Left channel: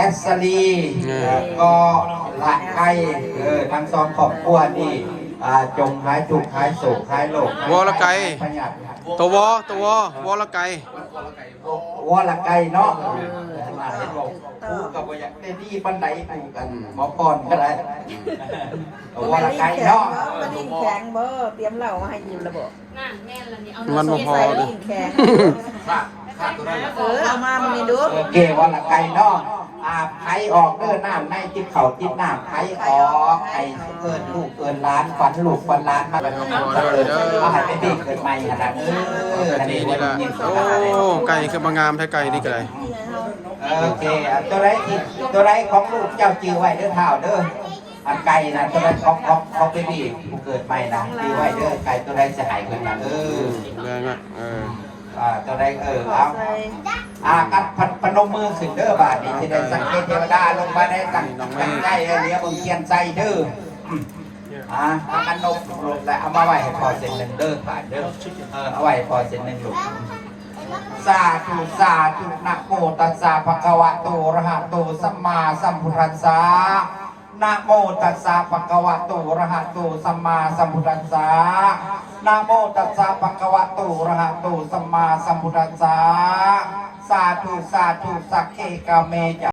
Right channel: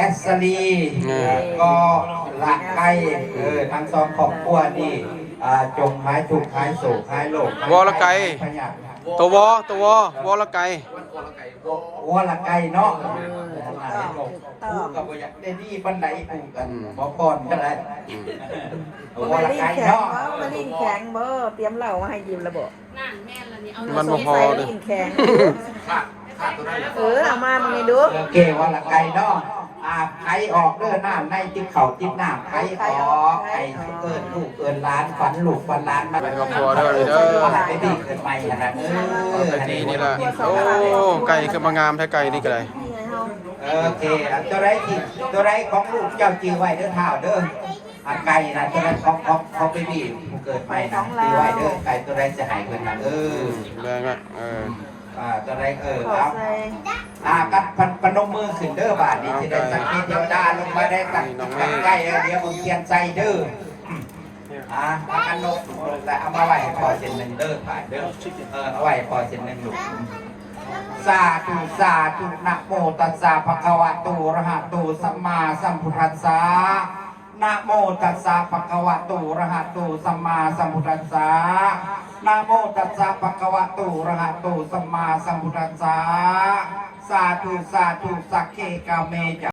แอสลีก็ละไก่ทั้งสองครอบครัวนี่จงหายทุกข์หายโศกหายโรควอละไก่ตัววอละไก่วอละไก่เนาะกูกับว่าอย่างนี้ปันไหนกูกันหมอก่อนก็ได้วอละไก่เนาะมันยิ่งแข็งเบอร์เตรียมเหล้าให้ยืนระบบมันมาพอเลยยิ่งแข็งเอามามันนี่ดูโอเควอละไก่เนาะไข่ออกเด้อน้ำในจิ้มเข่าจิ้มน้ำไข่ออกไข่เกินลูกเกินล้านฝันลูกฝันล้านมาเป็นครอบครัวเด้อเลยเด้อไอ้พี่เกิดใหม่ครับนี่นี่แหละโอ้ไก่คือบางงามแท้ไก่นี่ก็ได้โอเคตัวไรของลูกเจ้าจือไว้เด้อเท้าเด้อไก่นะตัวไรของพี่ผู้เกิดใหม่นะจือไว้เด้อไก่ตัวไรจะหายไปนะแรงอ่ะตัวไรเอากันพนมมือขึ้นเด้อบาทนี่จะได้สังเกตเทวดาลงมาได้ตั้งใกล้เนี้ยมึงเทียนใจเด้อเอากันนกลงแล้วเอามาไว้ให้พอเส้นหนึ่งเด้อบาทเด้อเอาไว้พอเส้นหนึ่งลูกสาธุสาธุนะโมตัสสะภะคะวะโตอะระหะโตสัมมาสัมพุทธัสสะนะโมตัสสะภะคะวะโตอะระหะโตสัมมาสัมพุทธัสสะนะโมตัสสะภะคะวะโตอะระหะโตสัมมาสัมพุทธัสสะสาธุสาธุสักเคกะเมจะ